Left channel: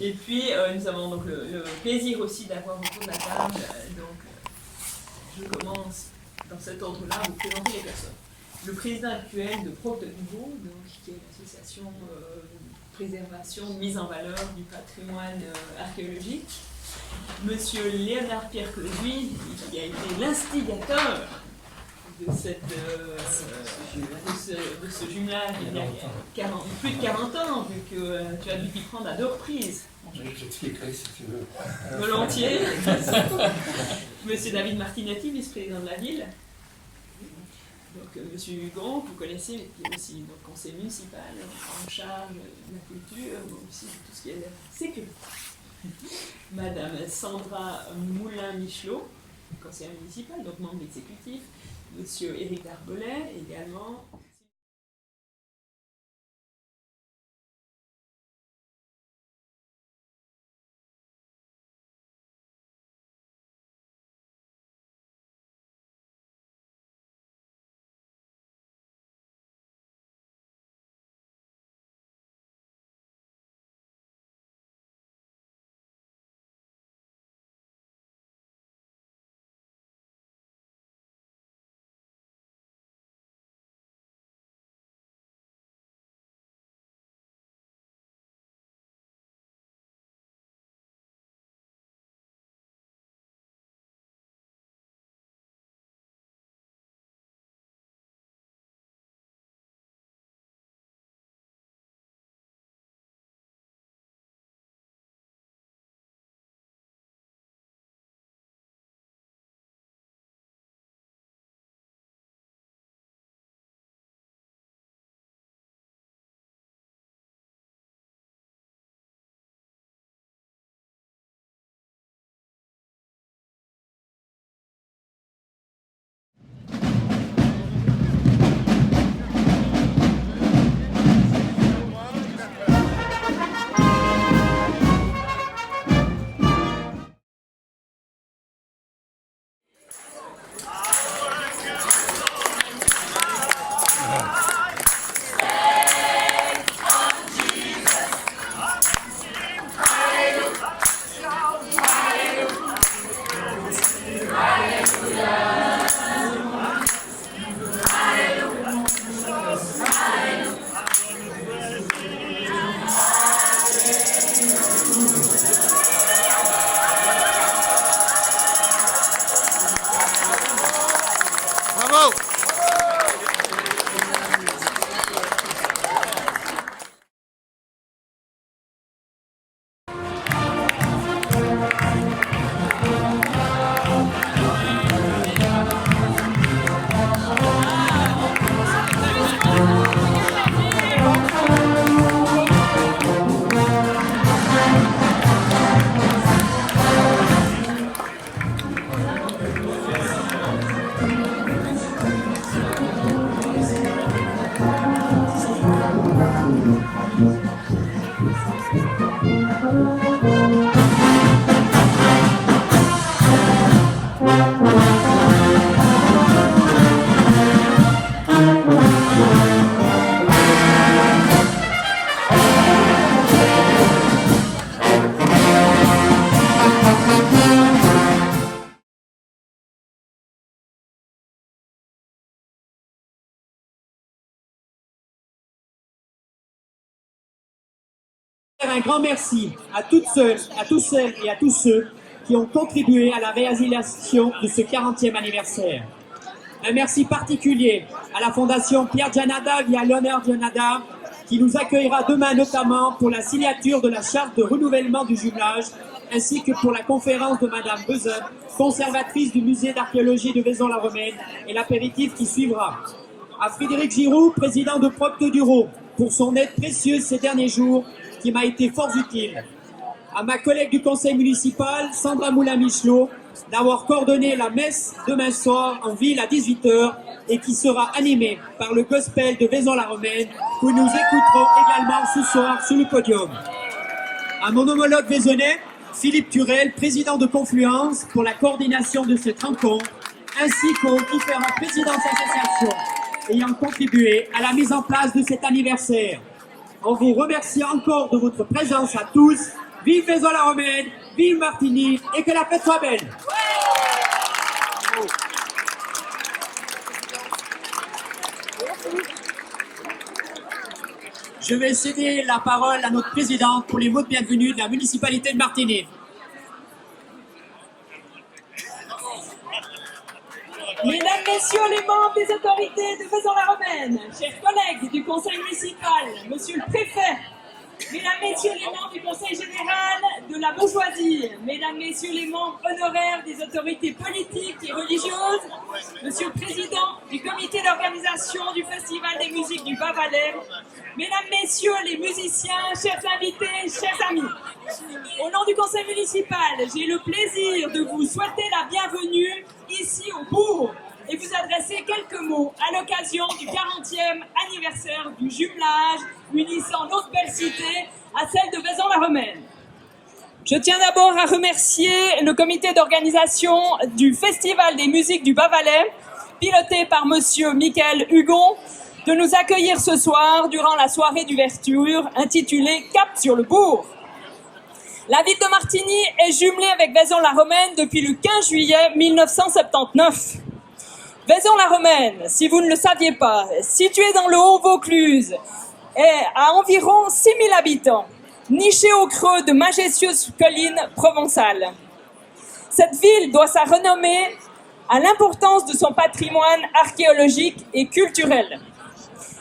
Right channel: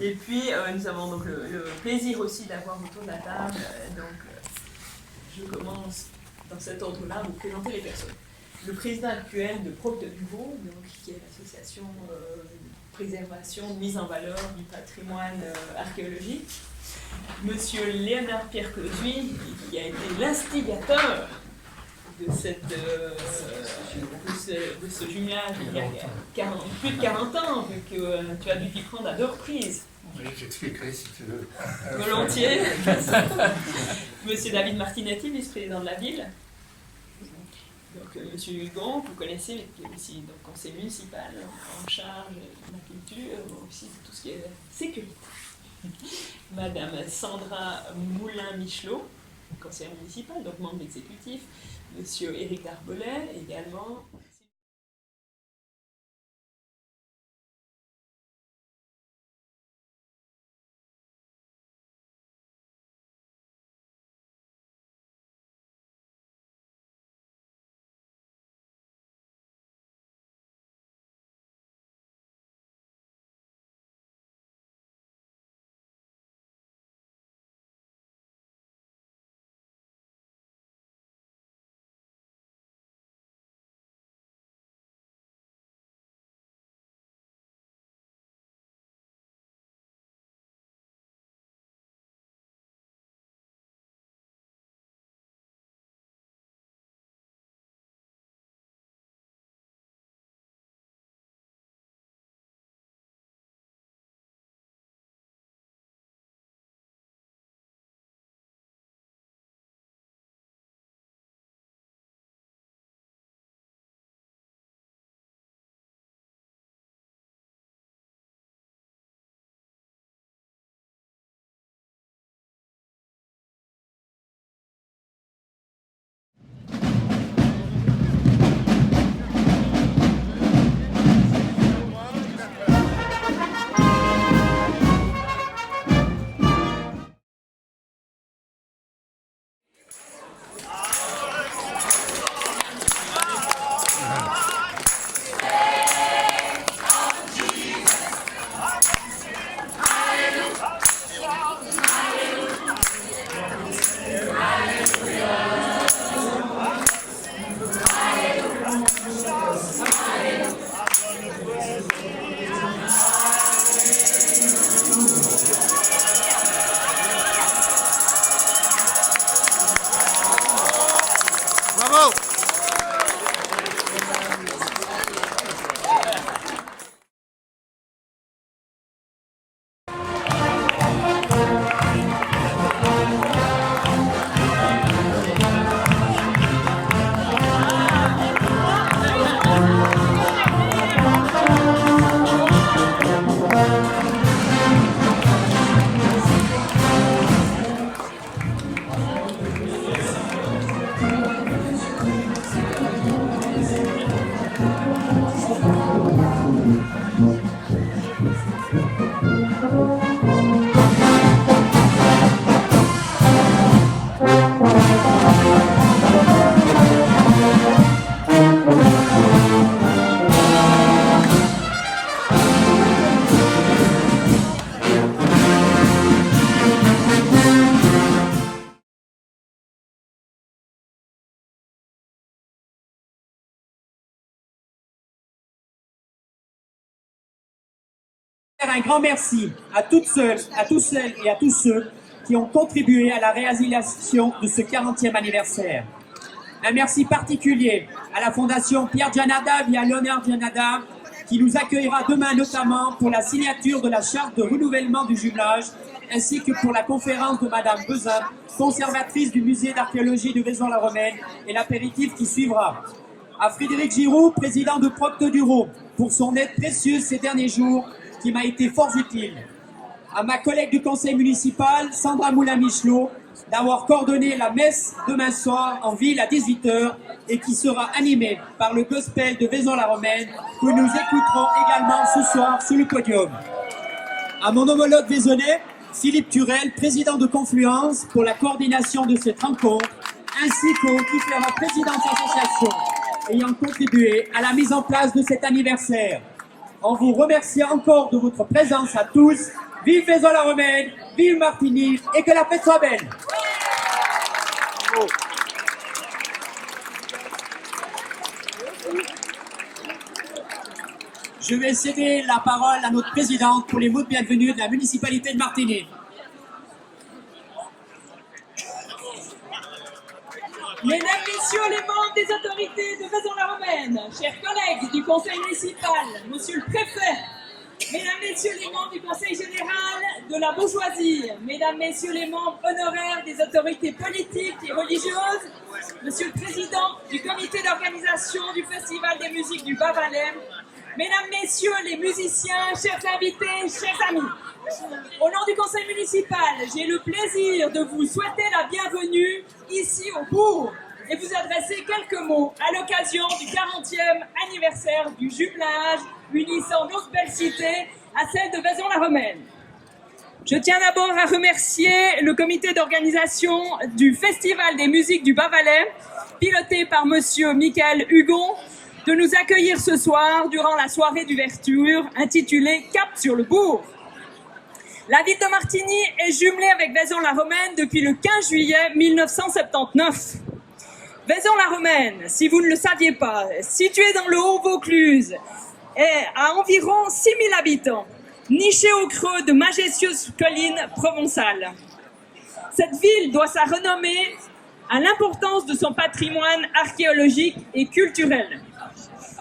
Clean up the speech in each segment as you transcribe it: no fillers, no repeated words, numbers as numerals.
Et puis, nous avons donc le plaisir aussi d'avoir autour de la table. Je commence dans cet ordre-là à vous présenter les personnes. Le président actuel de Procte du Vaud, qui est l'association de préservation, de mise en valeur du patrimoine archéologique. Monsieur Léonard Pierre Closuy, qui a été l'instigateur de ce jumelage il y a plus de 40 ans, vu que tu as dû t'y prendre à 2 reprises. Oui, j'expliquerai si tu veux. Volontiers. Monsieur David Martinetti, vice-président de la ville. Donc, monsieur Hugon, que vous connaissez, qui est aussi le conseil municipal en charge de la culture, aussi de tout ce qui est sécurité. Madame Sandra Moulin-Michelot, conseillère municipale, donc membre exécutif. Monsieur Éric Darbelet, également. Bravo! Un grand merci à toutes celles, à tous celles et à tous ceux qui ont contribué à la réalisation de ce 40e anniversaire. Un merci particulier à la Fondation Pierre Gianada via Léonard Gianada qui nous accueillera demain notamment pour la signature de la charte de renouvellement du jumelage ainsi que pour la conférence de Madame Bezin, conservatrice du musée d'archéologie de Vaison-la-Romaine et l'apéritif qui suivra. À Frédéric Giroux, président de Procte du Vaud, pour son aide précieuse ces derniers jours qui m'a été fort utile. À ma collègue du conseil municipal, Sandra Moulin-Michelot, d'avoir coordonné la messe demain soir en ville à 18 h et qui sera animée par le gospel de Vaison-la-Romaine que nous écouterons également ce soir sur le podium. À mon homologue vaisonnais, Philippe Turel, président de Confluence, pour la coordination de cette rencontre, ainsi qu'aux différents présidents d'associations ayant contribué à la mise en place de cet anniversaire. en vous remerciant encore de votre présence à tous. Vive Vaison-la-Romaine, vive Martigny et que la fête soit belle. Je vais céder la parole à notre présidente pour les mots de bienvenue de la municipalité de Martigny. Mesdames, Messieurs les membres des autorités de Vaison-la-Romaine, chers collègues du conseil municipal, Monsieur le préfet, Mesdames, Messieurs les membres du conseil général de la bourgeoisie, Mesdames, Messieurs les membres honoraires des autorités politiques et religieuses, Monsieur le président du comité d'organisation du Festival des musiques du Bas-Valais, Mesdames, Messieurs les musiciens, chers invités, chers amis, au nom du conseil municipal, j'ai le plaisir de vous souhaiter la bienvenue ici au bourg et vous adresser quelques mots à l'occasion du 40e anniversaire du jumelage unissant notre belle cité à celle de Vaison-la-Romaine. Je tiens d'abord à remercier le comité d'organisation du Festival des musiques du Bas-Valais, piloté par Monsieur Michael Hugon, de nous accueillir ce soir durant la soirée d'ouverture intitulée Cap sur le bourg. La ville de Martigny est jumelée avec Vaison-la-Romaine depuis le 15 juillet 1979. Vaison-la-Romaine, si vous ne le saviez pas, située dans le Haut-Vaucluse, est à environ 6000 habitants, nichée au creux de majestueuses collines provençales. Cette ville doit sa renommée à l'importance de son patrimoine archéologique et culturel.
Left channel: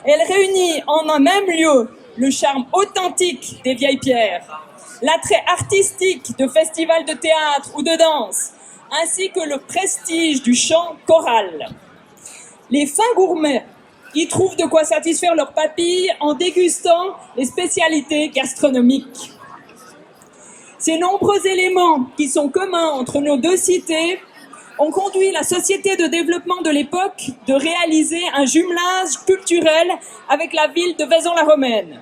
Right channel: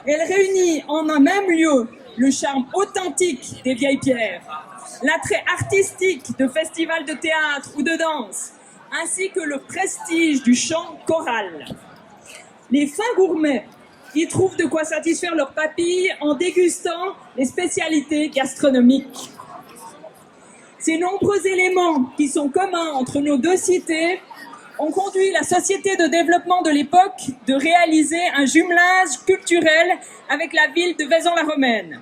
Elle réunit en un même lieu le charme authentique des vieilles pierres, l'attrait artistique de festivals de théâtre ou de danse, ainsi que le prestige du chant choral. Les fins gourmets y trouvent de quoi satisfaire leurs papilles en dégustant les spécialités gastronomiques. Ces nombreux éléments qui sont communs entre nos deux cités ont conduit la société de développement de l'époque de réaliser un jumelage culturel avec la ville de Vaison-la-Romaine.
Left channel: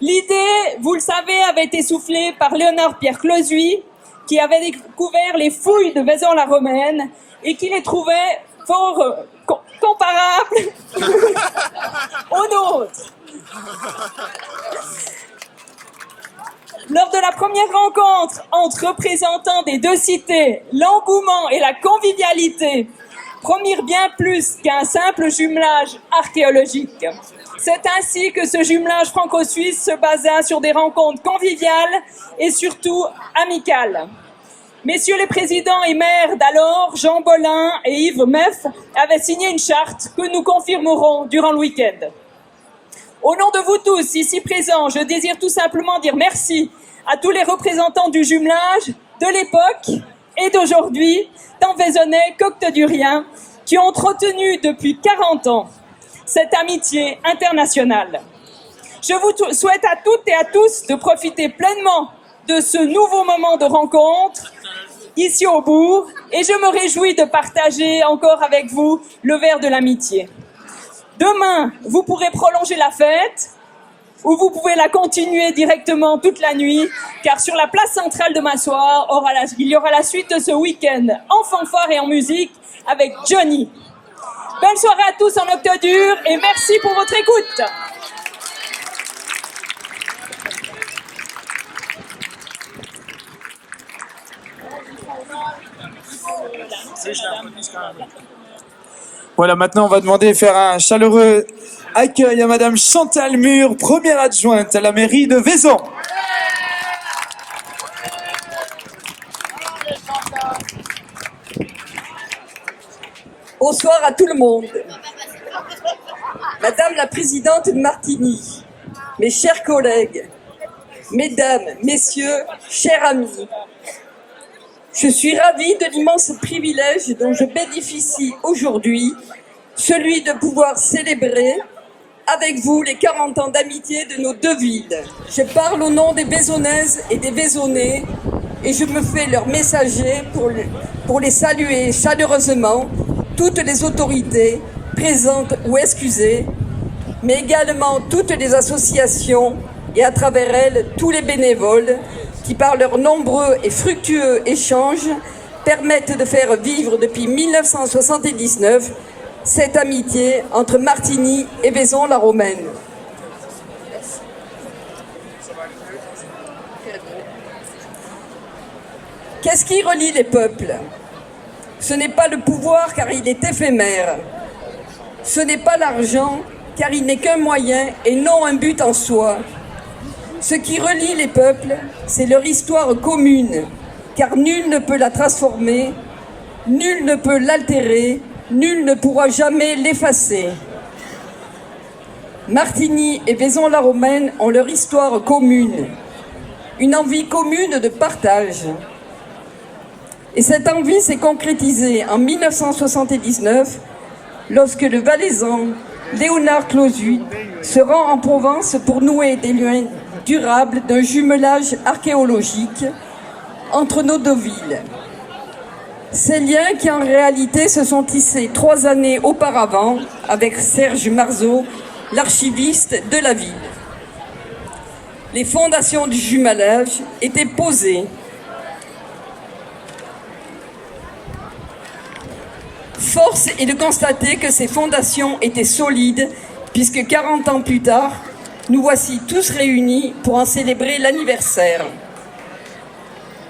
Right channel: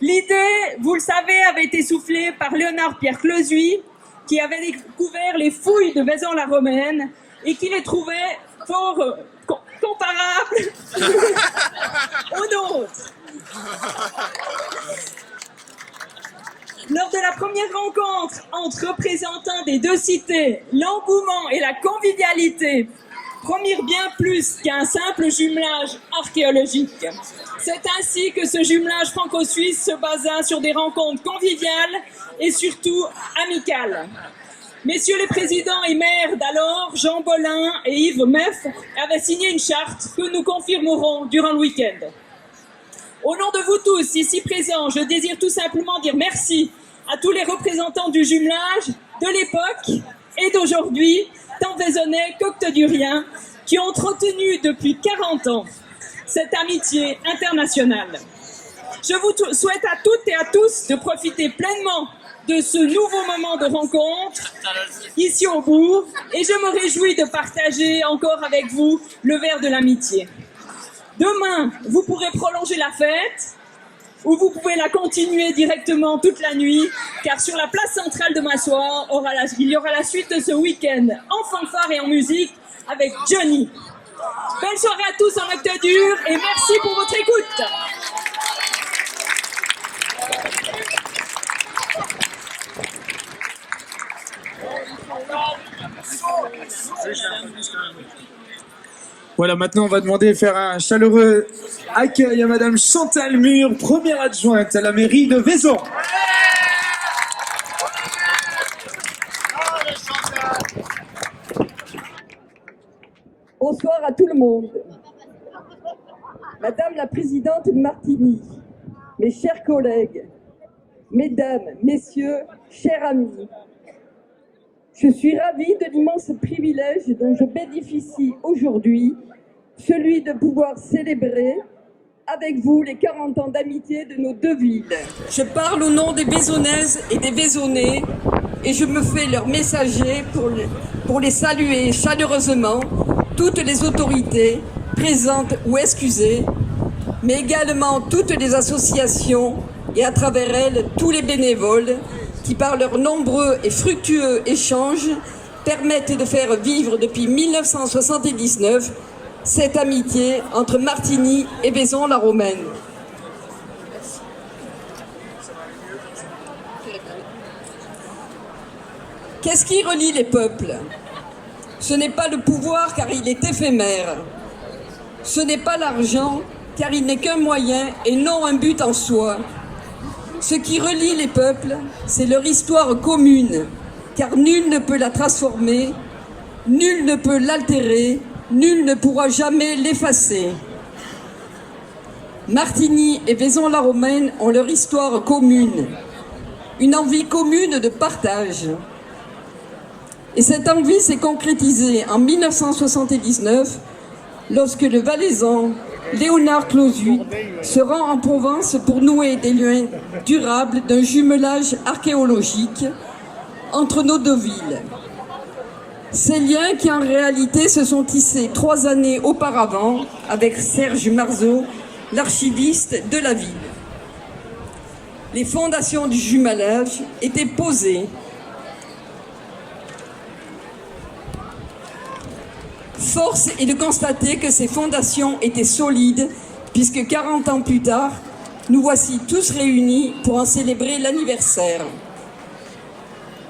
L'idée, vous le savez, avait été soufflée par Léonard Pierre Closuy, qui avait découvert les fouilles de Vaison-la-Romaine et qui les trouvait fort comparables aux nôtres. Lors de la première rencontre entre représentants des deux cités, l'engouement et la convivialité promirent bien plus qu'un simple jumelage archéologique. C'est ainsi que ce jumelage franco-suisse se basa sur des rencontres conviviales et surtout amicales. Messieurs les présidents et maires d'alors, Jean Bolin et Yves Meff, avaient signé une charte que nous confirmerons durant le week-end. Au nom de vous tous ici présents, je désire tout simplement dire merci à tous les représentants du jumelage de l'époque et d'aujourd'hui, tant vaisonnais qu'octoduriens, qui ont entretenu depuis 40 ans cette amitié internationale. Je vous souhaite à toutes et à tous de profiter pleinement de ce nouveau moment de rencontre ici au bourg et je me réjouis de partager encore avec vous le verre de l'amitié. Demain, vous pourrez prolonger la fête ou vous pouvez la continuer directement toute la nuit car sur la place centrale de Massoir, il y aura la suite de ce week-end en fanfare et en musique avec Johnny. Belle soirée à tous en Octodur et merci pour votre écoute. Voilà, maintenant on va demander de faire un chaleureux accueil à Madame Chantal Mur, première adjointe à la mairie de Vaison. Bonsoir à tout le monde. Madame la présidente de Martigny, mes chers collègues, mesdames, messieurs, chers amis, je suis ravie de l'immense privilège dont je bénéficie aujourd'hui, celui de pouvoir célébrer avec vous les 40 ans d'amitié de nos deux villes. Je parle au nom des Vaisonnaises et des Vaisonnais et je me fais leur messager pour les saluer chaleureusement, toutes les autorités présentes ou excusées, mais également toutes les associations et à travers elles tous les bénévoles qui par leurs nombreux et fructueux échanges permettent de faire vivre depuis 1979 cette amitié entre Martigny et Vaison-la-Romaine. Qu'est-ce qui relie les peuples? Ce n'est pas le pouvoir car il est éphémère. Ce n'est pas l'argent car il n'est qu'un moyen et non un but en soi. Ce qui relie les peuples, c'est leur histoire commune, car nul ne peut la transformer, nul ne peut l'altérer, nul ne pourra jamais l'effacer. Martigny et Vaison-la-Romaine ont leur histoire commune, une envie commune de partage. Et cette envie s'est concrétisée en 1979, lorsque le Valaisan Léonard Clozuit se rend en Provence pour nouer des liens durables d'un jumelage archéologique entre nos deux villes. Ces liens qui en réalité se sont tissés 3 années auparavant avec Serge Marzeau, l'archiviste de la ville. Les fondations du jumelage étaient posées. Force est de constater que ces fondations étaient solides, puisque 40 ans plus tard, nous voici tous réunis pour en célébrer l'anniversaire.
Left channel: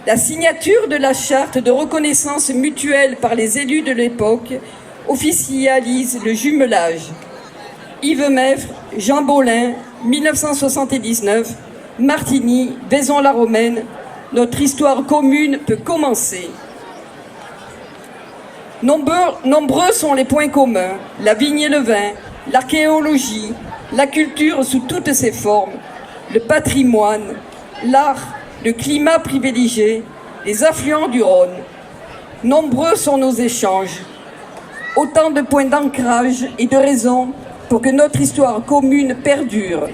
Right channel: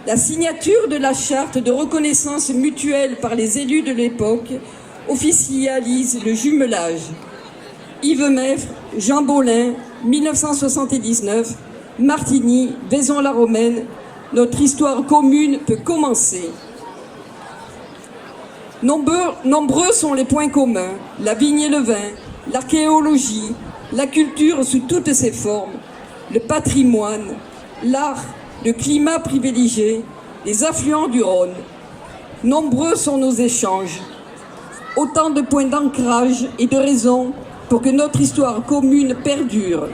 La signature de la charte de reconnaissance mutuelle par les élus de l'époque officialise le jumelage. Yves Meffre, Jean Bolin, 1979, Martigny, Vaison-la-Romaine, notre histoire commune peut commencer. Nombreux sont les points communs, la vigne et le vin, l'archéologie, la culture sous toutes ses formes, le patrimoine, l'art, le climat privilégié, les affluents du Rhône. Nombreux sont nos échanges, autant de points d'ancrage et de raisons pour que notre histoire commune perdure.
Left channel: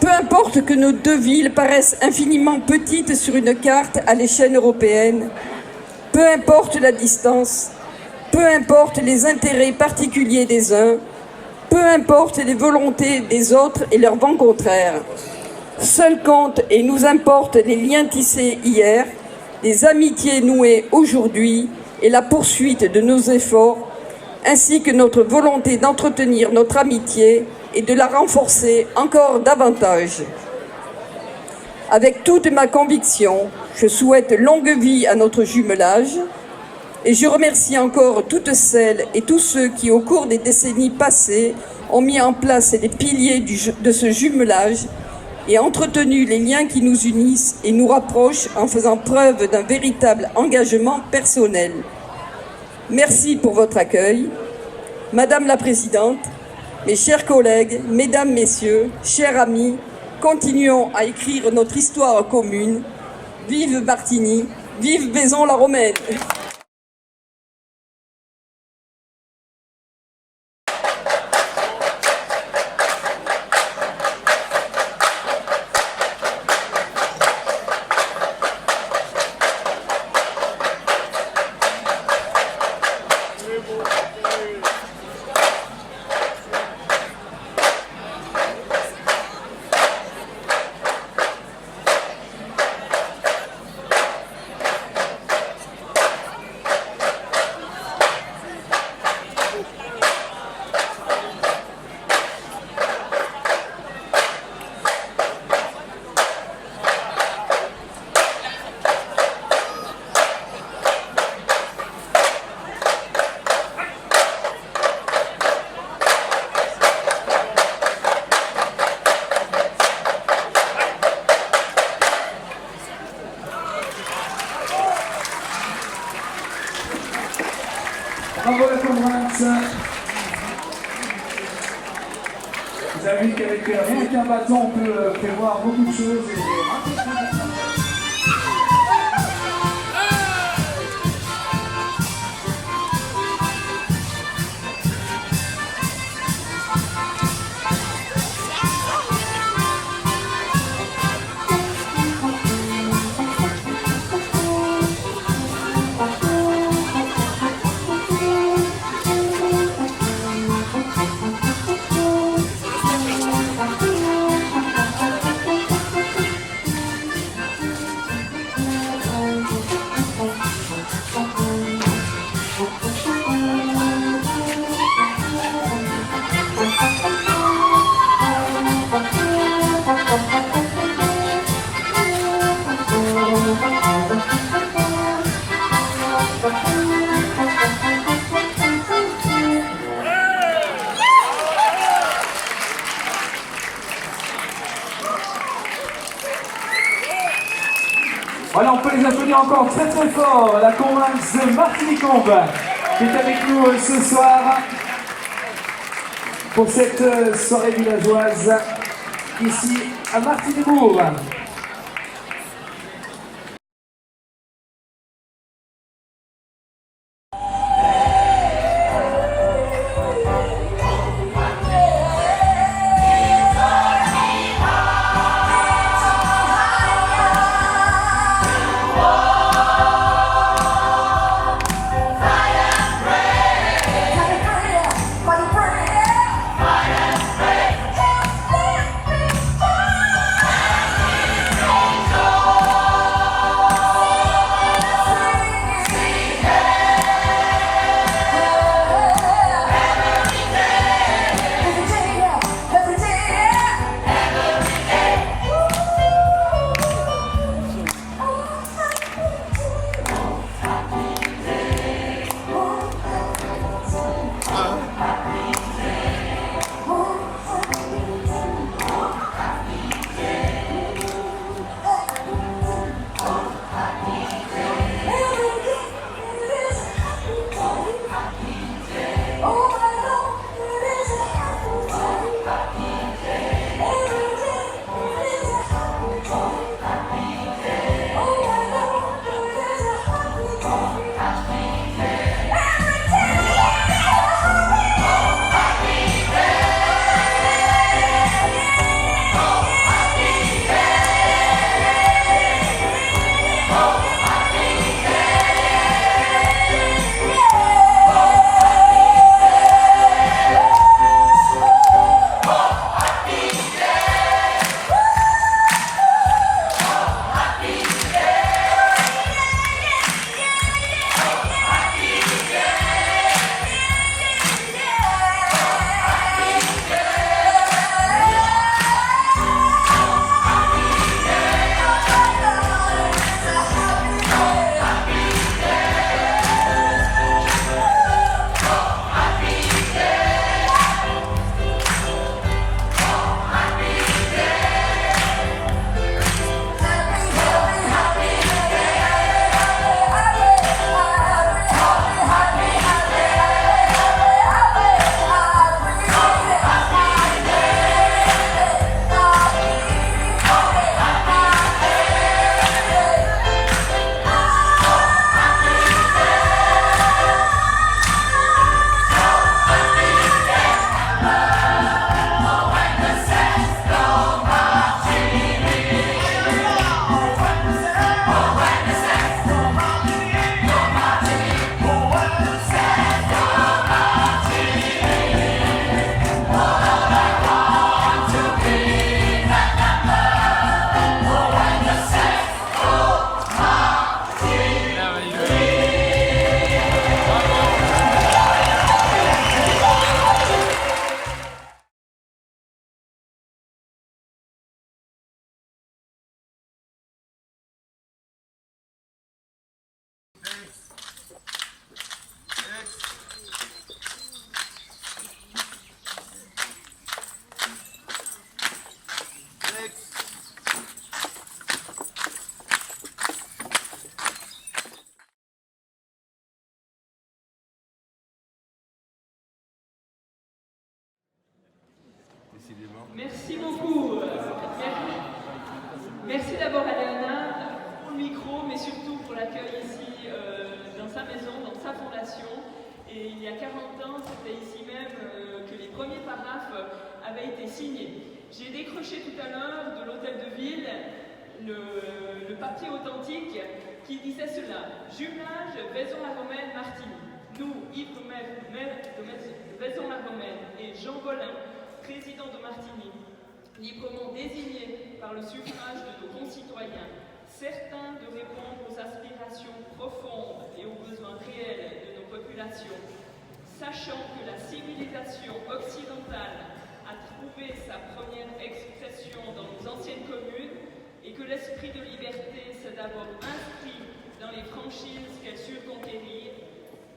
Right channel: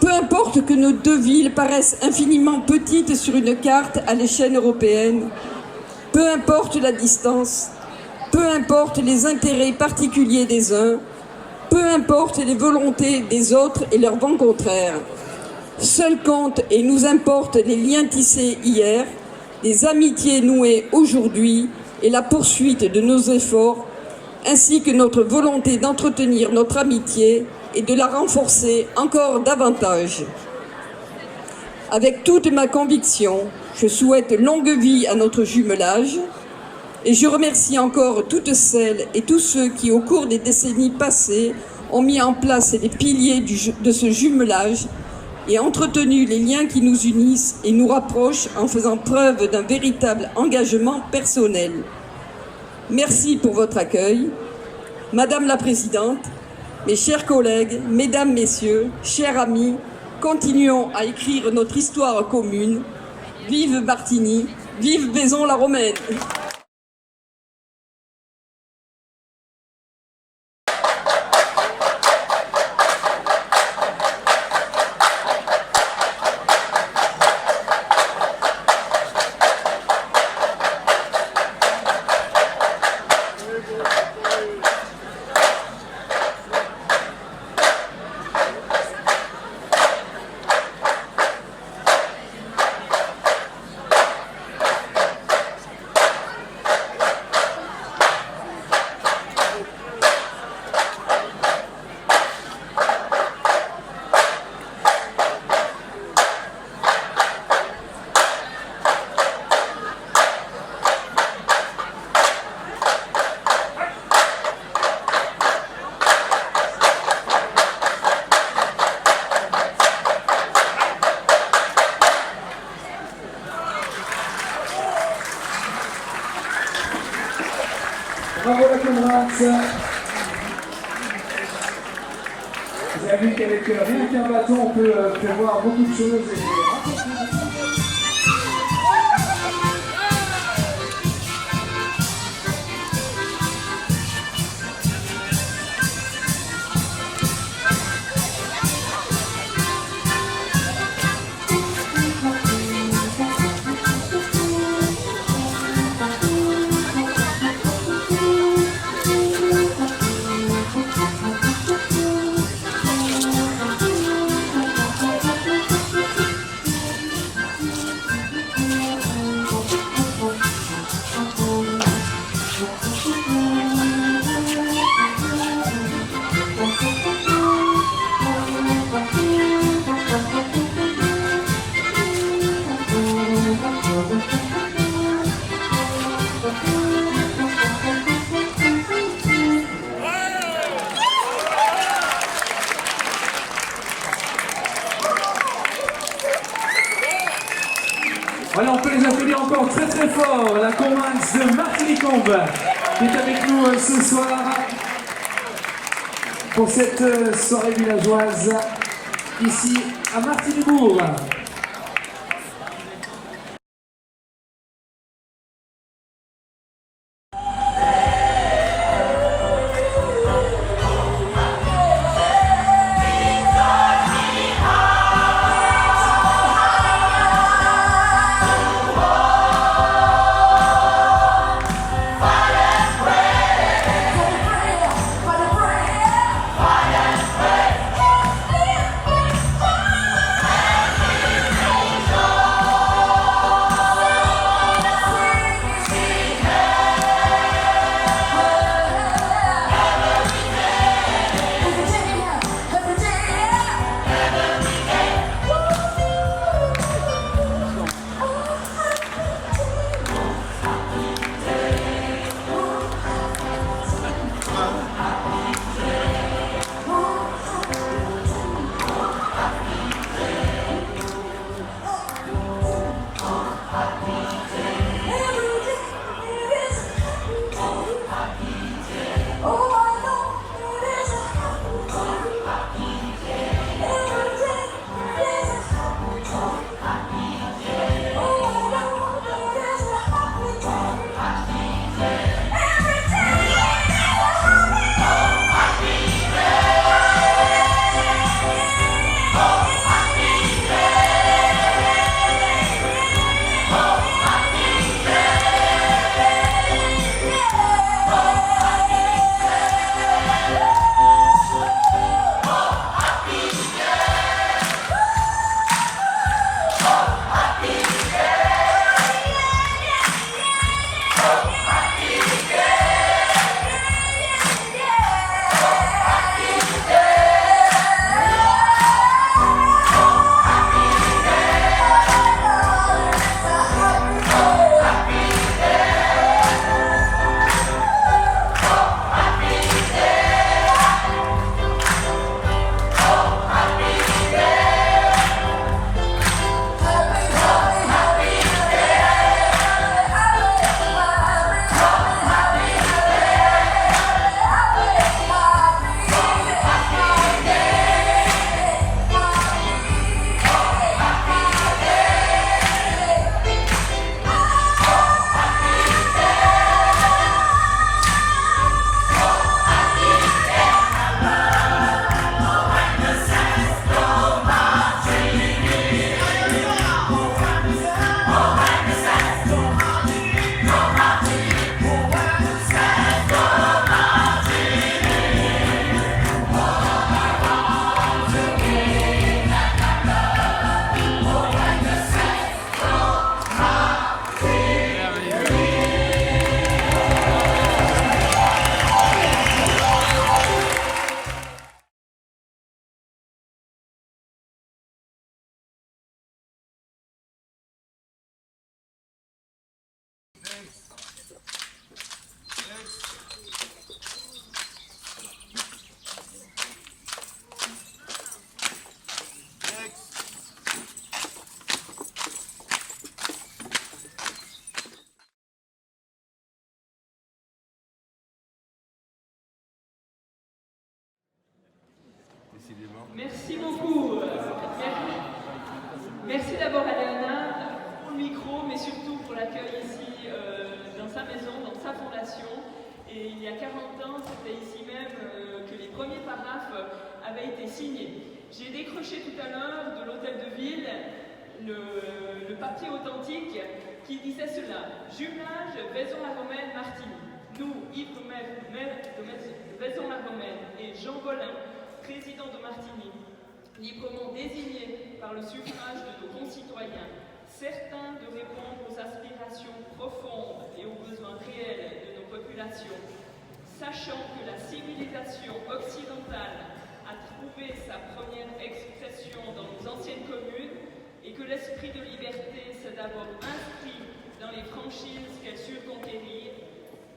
Peu importe que nos deux villes paraissent infiniment petites sur une carte à l'échelle européenne, peu importe la distance, peu importe les intérêts particuliers des uns, peu importe les volontés des autres et leurs vents contraires. Seul compte et nous importe les liens tissés hier, les amitiés nouées aujourd'hui et la poursuite de nos efforts, ainsi que notre volonté d'entretenir notre amitié et de la renforcer encore davantage. Avec toute ma conviction, je souhaite longue vie à notre jumelage et je remercie encore toutes celles et tous ceux qui, au cours des décennies passées, ont mis en place les piliers de ce jumelage et entretenu les liens qui nous unissent et nous rapprochent en faisant preuve d'un véritable engagement personnel. Merci pour votre accueil. Madame la Présidente, mes chers collègues, Mesdames, Messieurs, chers amis, continuons à écrire notre histoire commune. Vive Martigny, vive Vaison-la-Romaine. Bravo la comrade. Vous avez vu qu'avec rien qu'un bâton, on peut prévoir beaucoup de choses. Voilà, on peut les applaudir encore très très fort, la Comminx de Martinique-Combe, qui est avec nous ce soir pour cette soirée villageoise ici à Martiniquebourg. Merci beaucoup. Merci d'abord à Léonard pour le micro, mais surtout pour l'accueil ici dans sa maison, dans sa fondation. Et il y a 40 ans, c'était ici même que les premiers paraphes avaient été signés. J'ai décroché tout à l'heure de l'hôtel de ville le papier authentique qui disait cela: jumelage Vaison-la-Romaine Martigny. Nous, Yves maire de Vaison-la-Romaine, et Jean Bollin, président de Martigny, librement désignés par le suffrage de nos concitoyens, certains de répondre aux aspirations profondes et aux besoins réels de nos populations, sachant que la civilisation occidentale a trouvé sa première expression dans nos anciennes communes et que l'esprit de liberté s'est d'abord inscrit dans les franchises qu'elle sut conquérir,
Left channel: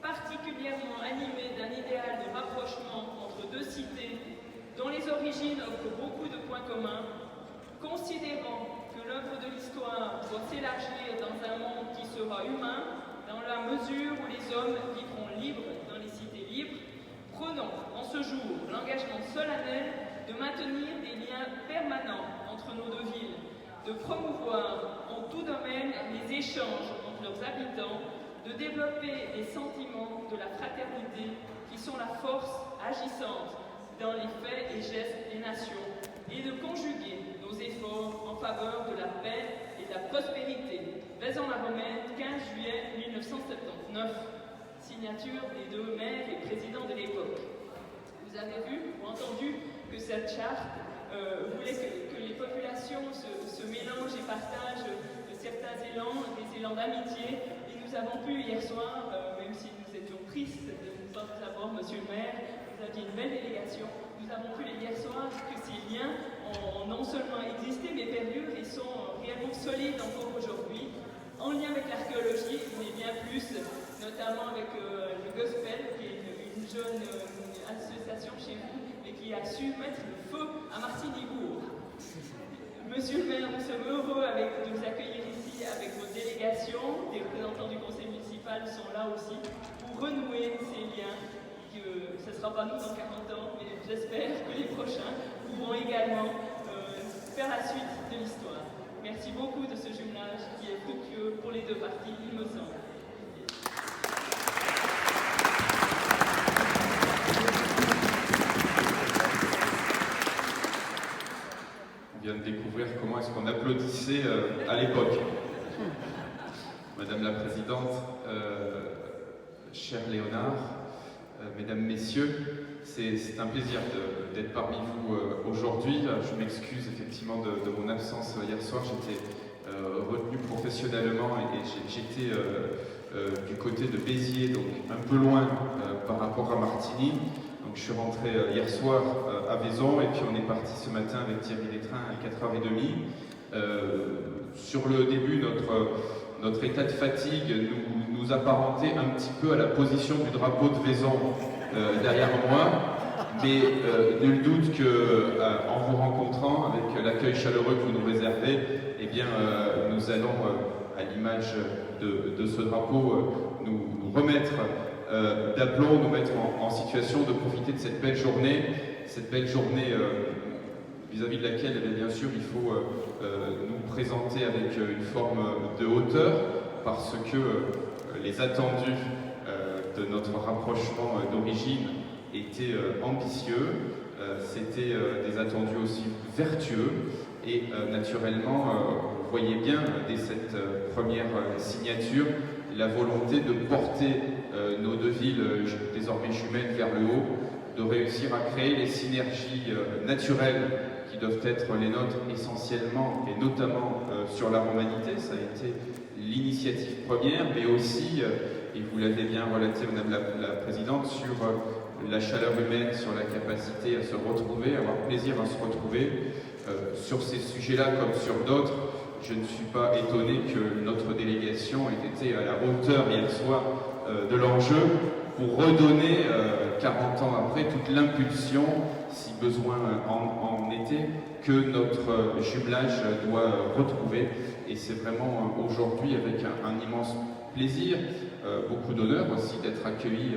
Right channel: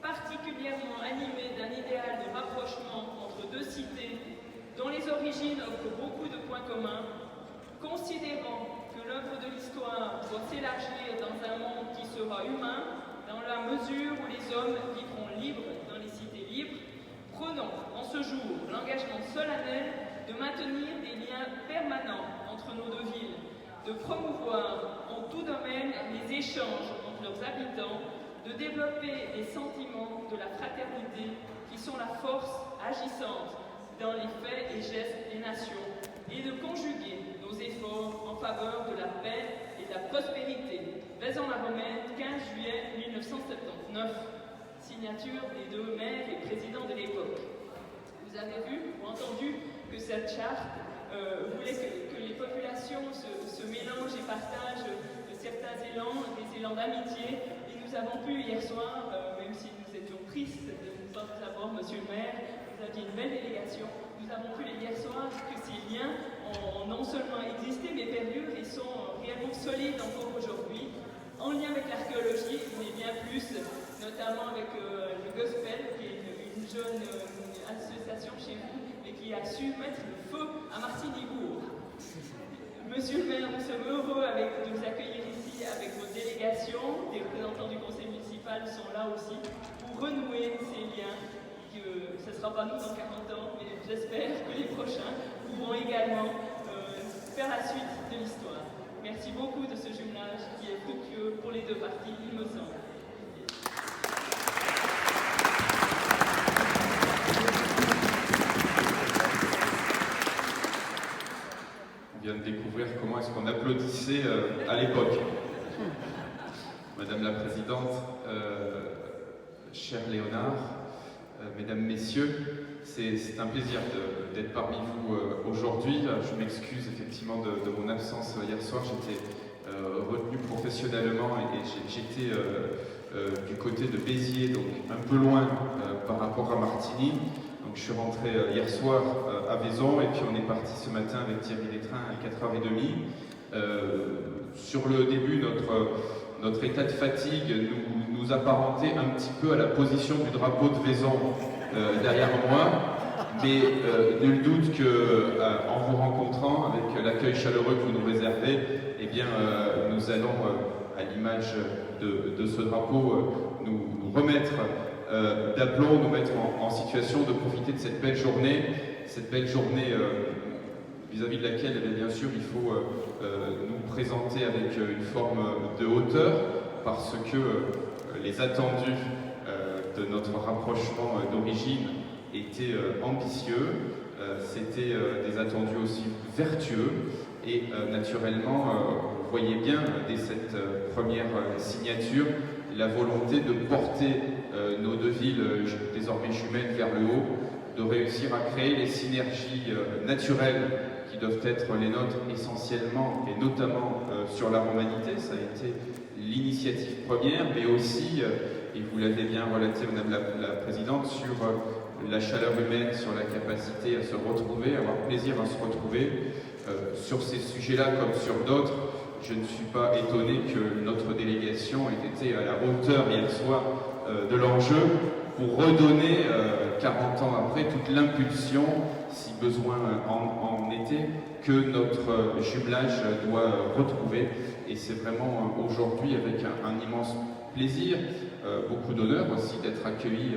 particulièrement animé d'un idéal de rapprochement entre deux cités dont les origines offrent beaucoup de points communs, considérant que l'œuvre de l'histoire doit s'élargir dans sera humain dans la mesure où les hommes vivront libres dans les cités libres. Prenons en ce jour l'engagement solennel de maintenir des liens permanents entre nos deux villes, de promouvoir en tout domaine les échanges entre leurs habitants, de développer les sentiments de la fraternité qui sont la force agissante dans les faits et gestes des nations, et de conjuguer nos efforts en faveur de la paix et de la prospérité. Vaison-la-Romaine, 15 juillet 1979, signature des deux maires et présidents de l'époque. Vous avez vu ou entendu que cette charte voulait que les populations se mélangent et partagent certains élans, des élans d'amitié. Et nous avons pu hier soir, même si nous étions tristes de ne pas vous avoir, monsieur le maire, vous aviez une belle délégation, nous avons pu hier soir que ces liens ont non seulement existé, mais perdurent et sont réellement solides encore aujourd'hui, en lien avec l'archéologie, mais bien plus, notamment avec le Gospel, qui est une jeune association chez vous, et qui a su mettre le feu à Martigny-Bourg. Monsieur le maire, nous sommes heureux de vous accueillir ici avec votre délégation. Des représentants du conseil municipal sont là aussi pour renouer ces liens. Ce ne sera pas nous dans 40 ans, mais j'espère que les prochains pourront également faire la suite de l'histoire. Merci beaucoup de ce jumelage qui est fructueux pour les deux parties, il me semble. On vient de découvrir comment est-ce qu'on applaudissait à l'époque. Madame la Présidente, cher Léonard, Mesdames, Messieurs, c'est un plaisir d'être parmi vous aujourd'hui. Je m'excuse effectivement de mon absence hier soir. J'étais retenu professionnellement et j'étais du côté de Béziers, donc un peu loin par rapport à Martigny. Donc je suis rentré hier soir à Vaison et puis on est parti ce matin avec Thierry Détrain à 4h30. Sur le début, notre état de fatigue nous apparentait un petit peu à la position du drapeau de Vaison derrière moi, mais nul doute qu'en vous rencontrant, avec l'accueil chaleureux que vous nous réservez, eh bien, nous allons, à l'image de ce drapeau, nous remettre d'aplomb, nous mettre en situation de profiter de cette belle journée vis-à-vis de laquelle, bien sûr, il faut nous présenter avec une forme de hauteur, parce que les attendus de notre rapprochement d'origine étaient ambitieux, c'était des attendus aussi vertueux, et naturellement, vous voyez bien, dès cette première signature, la volonté de porter nos deux villes désormais jumelles vers le haut, de réussir à créer les synergies naturelles qui doivent être les nôtres essentiellement et notamment sur la romanité. Ça a été l'initiative première, mais aussi, et vous l'avez bien relaté Madame la Présidente, sur la chaleur humaine, sur la capacité à se retrouver, à avoir plaisir à se retrouver. Sur ces sujets-là comme sur d'autres, je ne suis pas étonné que notre délégation ait été à la hauteur hier soir de l'enjeu pour redonner, 40 ans après, toute l'impulsion, si besoin en était, que notre jumelage doit retrouver. Et c'est vraiment aujourd'hui avec un immense plaisir, beaucoup d'honneur aussi d'être accueilli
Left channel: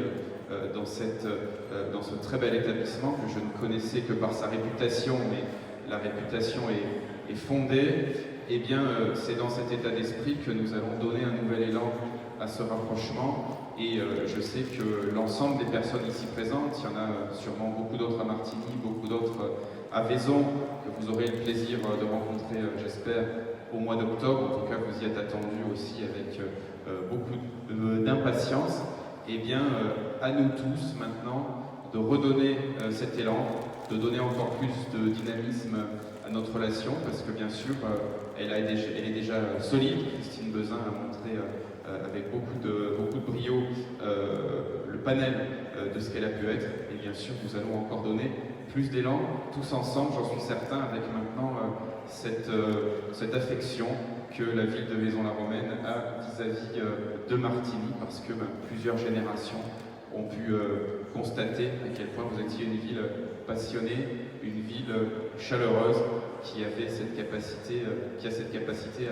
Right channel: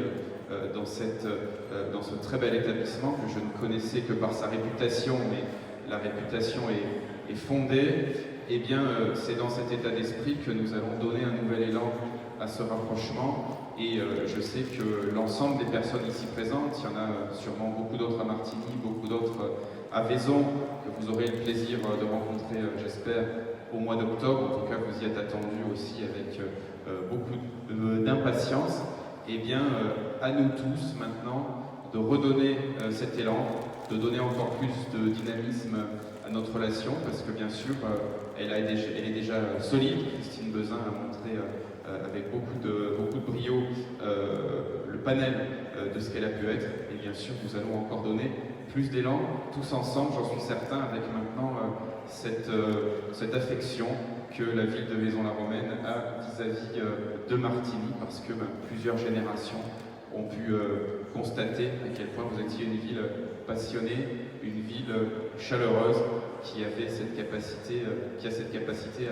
dans ce très bel établissement que je ne connaissais que par sa réputation, mais la réputation est fondée. Eh bien, c'est dans cet état d'esprit que nous allons donner un nouvel élan à ce rapprochement. Et je sais que l'ensemble des personnes ici présentes, il y en a sûrement beaucoup d'autres à Martigny, beaucoup d'autres à Vaison, que vous aurez le plaisir de rencontrer, j'espère, au mois d'octobre. En tout cas, vous y êtes attendus aussi avec beaucoup d'impatience. Eh bien, à nous tous maintenant de redonner cet élan, de donner encore plus de dynamisme à notre relation, parce que bien sûr, elle est déjà solide. Christine Bezin a montré avec beaucoup de brio le panel de ce qu'elle a pu être. Et bien sûr, nous allons encore donner plus d'élan, tous ensemble, j'en suis certain, avec maintenant cette affection que la ville de Vaison-la-Romaine a vis-à-vis de Martigny, parce que plusieurs générations ont pu constater à quel point vous étiez une ville passionnée, une ville chaleureuse, qui a cette capacité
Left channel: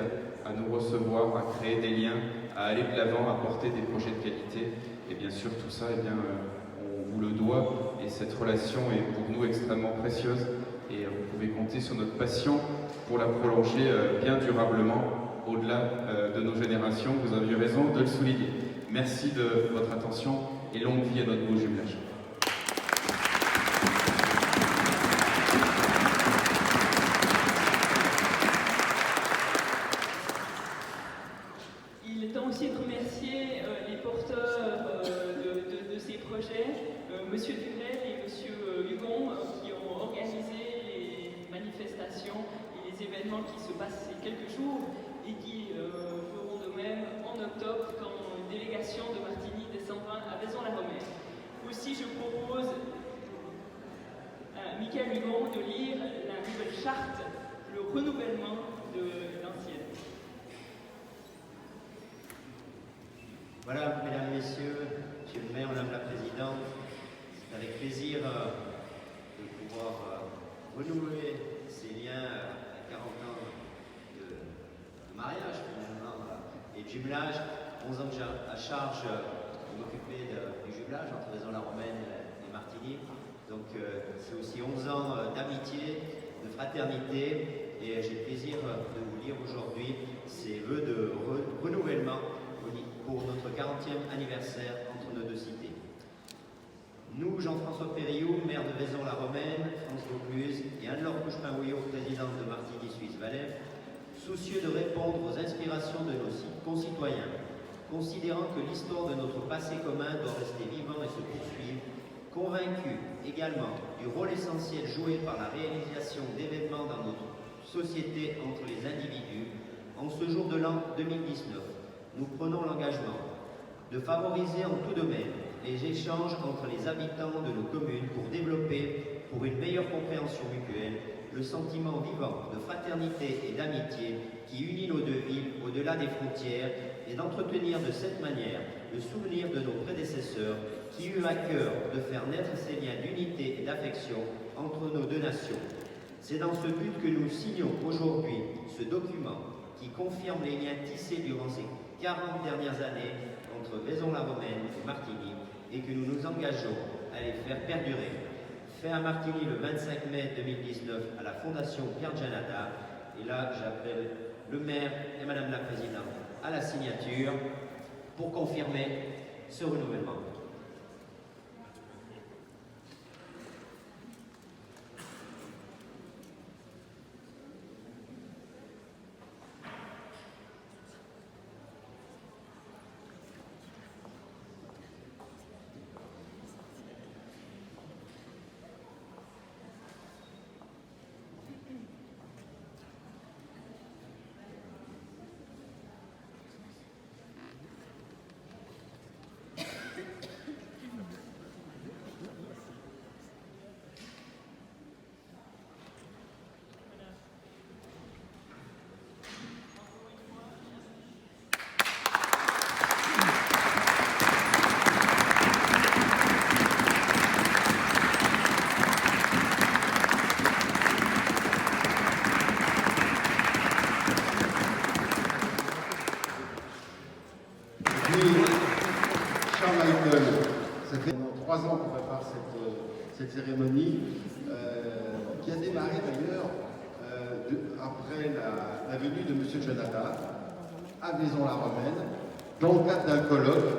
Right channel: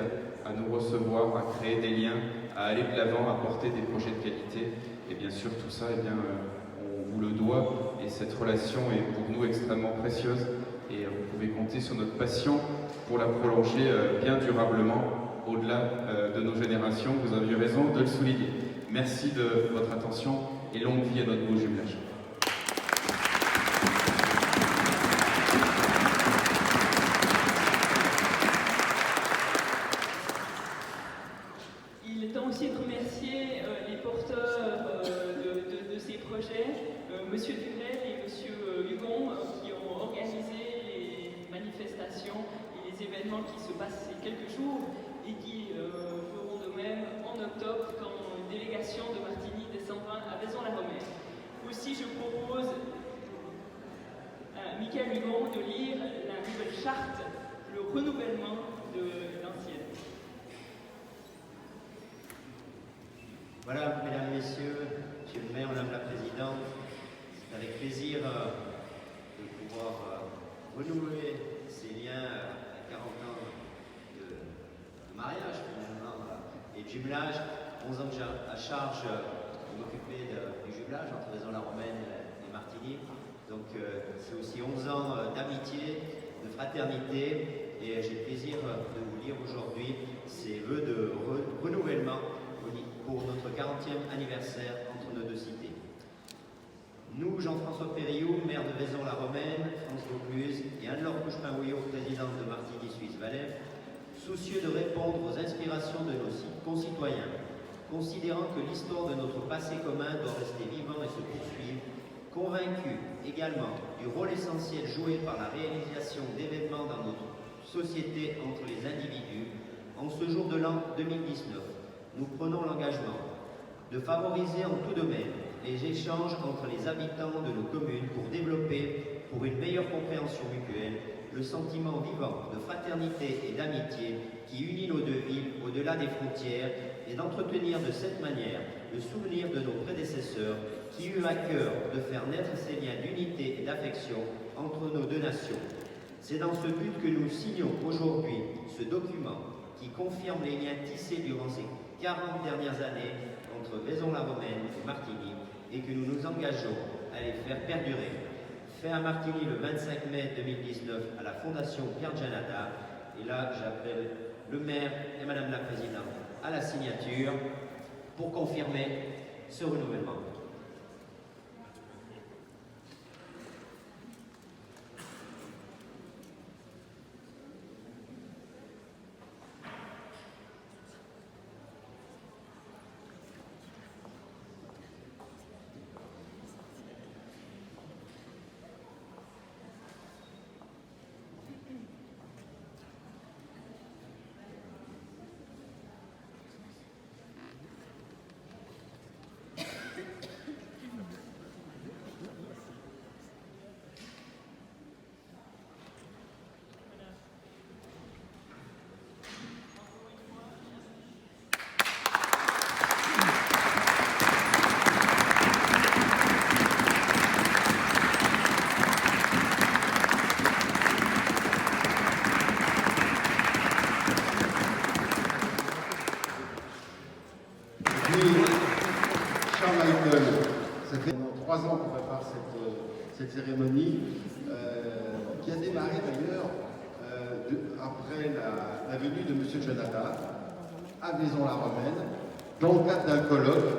à nous recevoir, à créer des liens, à aller de l'avant, à porter des projets de qualité. Et bien sûr, tout ça, on vous le doit. Et cette relation est pour nous extrêmement précieuse. Et vous pouvez compter sur notre passion pour la prolonger bien durablement au-delà de nos générations. Vous aviez raison de le souligner. Merci de votre attention et longue vie à notre beau jumelage. Il est temps aussi de remercier les porteurs de ces projets, Monsieur Durel et Monsieur Hugon, qui ont organisé les manifestations et les événements qui se passent ces quelques jours et qui feront de même en octobre quand une délégation de Martigny descendra à Vaison-la-Romaine. Aussi, je propose à Michael Hugon de lire la nouvelle charte, le renouvellement de l'ancienne. Voilà, mesdames, messieurs, monsieur le maire, madame la présidente, c'est avec plaisir de pouvoir renouer ces liens à 40 ans de mariage finalement et de jumelage, 11 ans que j'ai à charge de m'occuper du jumelage entre Vaison-la-Romaine et Martigny. Donc c'est aussi 11 ans d'amitié, de fraternité, et j'ai le plaisir de vous lire aujourd'hui ces vœux de renouvellement pour notre 40e anniversaire entre nos deux cités. Nous, Jean-François Périoux, maire de Vaison-la-Romaine, France Vaucluse, et Anne-Laure Couchepin-Houillot, présidente de Martigny Suisse Valais, soucieux de répondre aux inspirations de nos concitoyens, considérant que l'histoire de notre passé commun doit rester vivant et se poursuivre, convaincus également du rôle essentiel joué par la réalisation d'événements dans notre société entre les individus, en ce jour de l'an 2019, nous prenons l'engagement de favoriser en tout domaine les échanges entre les habitants de nos communes pour développer, pour une meilleure compréhension mutuelle, le sentiment vivant de fraternité et d'amitié qui unit nos deux villes au-delà des frontières et d'entretenir de cette manière le souvenir de nos prédécesseurs qui eurent à cœur de faire naître ces liens d'unité et d'affection entre nos deux nations. C'est dans ce but que nous signons aujourd'hui ce document qui confirme les liens tissés durant ces 40 dernières années entre Vaison-la-Romaine et Martigny et que nous nous engageons à les faire perdurer. Fait à Martigny le 25 mai 2019 à la Fondation Pierre Giannatta. Et là, j'appelle le maire et madame la présidente à la signature pour confirmer ce renouvellement. Ça fait 3 ans qu'on prépare cette cérémonie qui a démarré d'ailleurs après la venue de M. Giannatta à Vaison-la-Romaine dans le cadre d'un colloque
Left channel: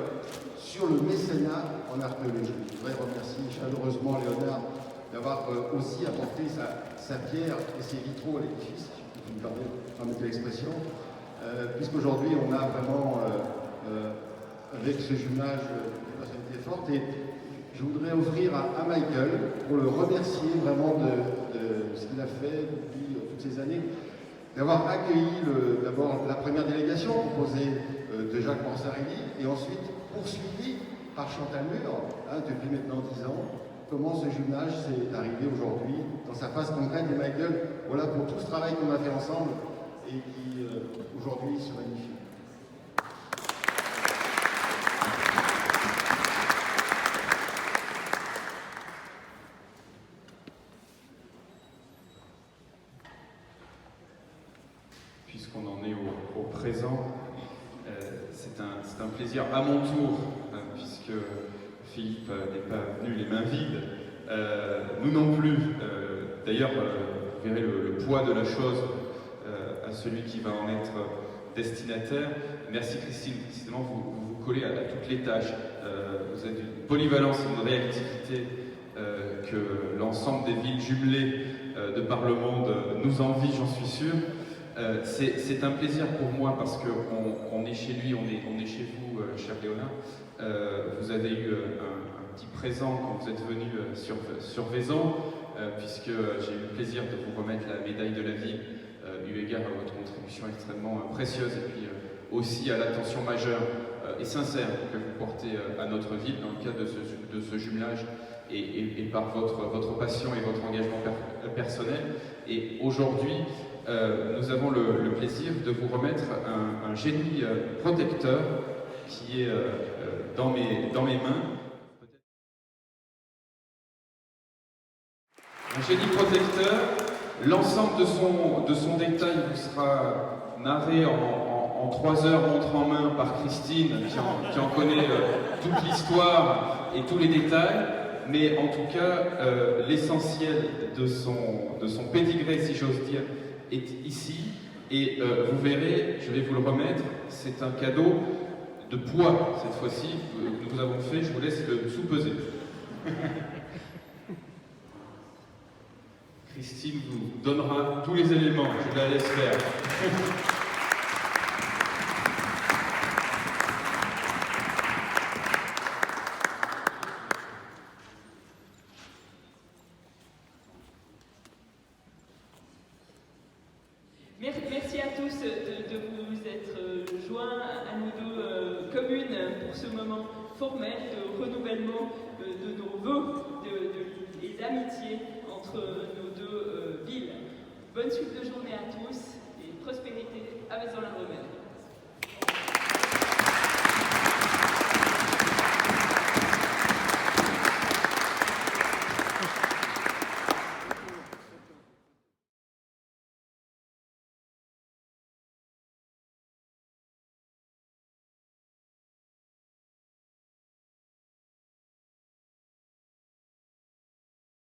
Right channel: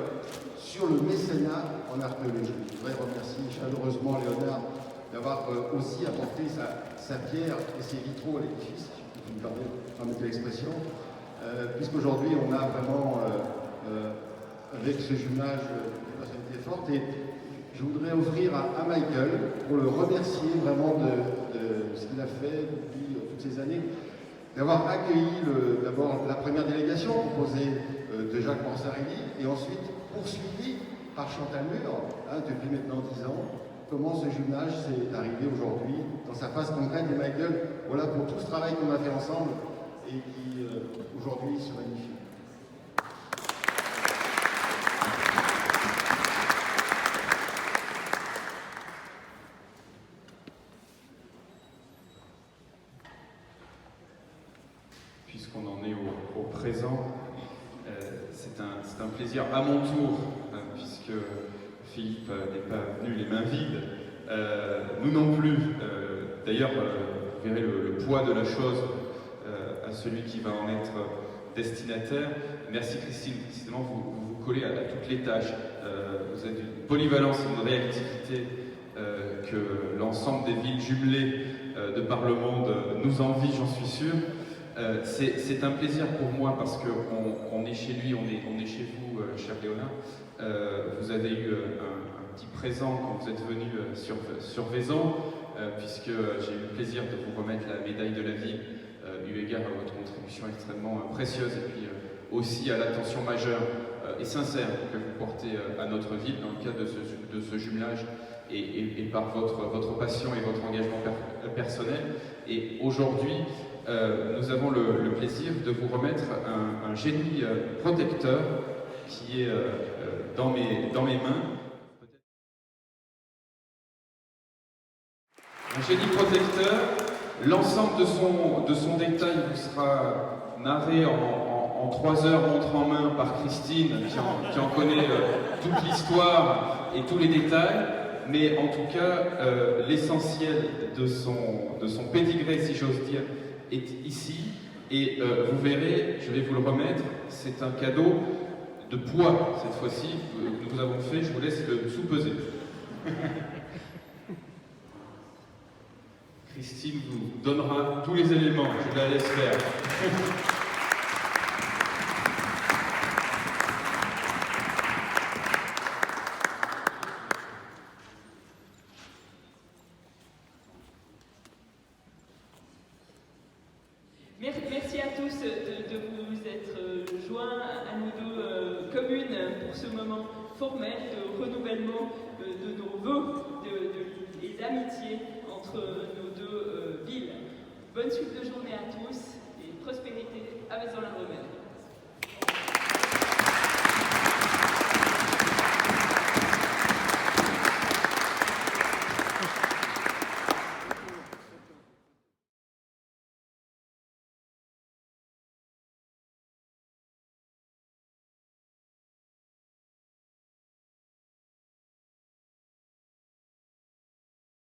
sur le mécénat en archéologie. Je voudrais remercier chaleureusement Léonard d'avoir aussi apporté sa pierre et ses vitraux à l'édifice, si vous me permettez l'expression, puisqu'aujourd'hui on a vraiment avec ce jumelage des personnalités fortes. Et je voudrais offrir à Michael, pour le remercier vraiment de ce qu'il a fait depuis toutes ces années, d'avoir accueilli d'abord la première délégation composée de Jacques Mansarelli et ensuite poursuivi par Chantal Mur, depuis maintenant 10 ans. Comment ce jumelage s'est arrivé aujourd'hui dans sa phase concrète. Et Michael, voilà pour tout ce travail qu'on a fait ensemble et qui aujourd'hui se magnifie. au présent. C'est un plaisir à mon tour, puisque Philippe n'est pas venu les mains vides. Nous non plus. D'ailleurs, vous verrez le poids de la chose à celui qui va en être destinataire. Merci Christine, précisément vous vous collez à toutes les tâches. Vous êtes d'une polyvalence et d'une réactivité que l'ensemble des villes jumelées de par le monde nous envie, j'en suis sûr. C'est un plaisir pour moi parce qu'on est chez lui, on est chez vous, cher Léonard. Vous avez eu un petit présent quand vous êtes venu sur Vaison, puisque j'ai eu le plaisir de vous remettre la médaille de la ville, eu égard à votre contribution extrêmement précieuse et puis aussi à l'attention majeure et sincère que vous portez à notre ville dans le cadre de ce jumelage et par votre passion et votre engagement personnel. Et aujourd'hui, nous avons le plaisir de vous remettre un génie protecteur qui est dans mes mains. Un génie protecteur, l'ensemble de son détail vous sera narré en 3 heures montre en main par Christine, qui en connaît toute l'histoire et tous les détails. Mais en tout cas, l'essentiel de son pédigré, si j'ose dire, est ici. Et vous verrez, je vais vous le remettre, c'est un cadeau de poids cette fois-ci que nous avons fait. Je vous laisse le sous-peser. Christine vous donnera tous les éléments, je la laisse faire. Merci à tous de vous être joints à nous deux communes pour ce moment formel de renouvellement de nos vœux, des amitiés entre nos deux villes. Bonne suite de journée à tous et prospérité à Vaison-la-Romaine.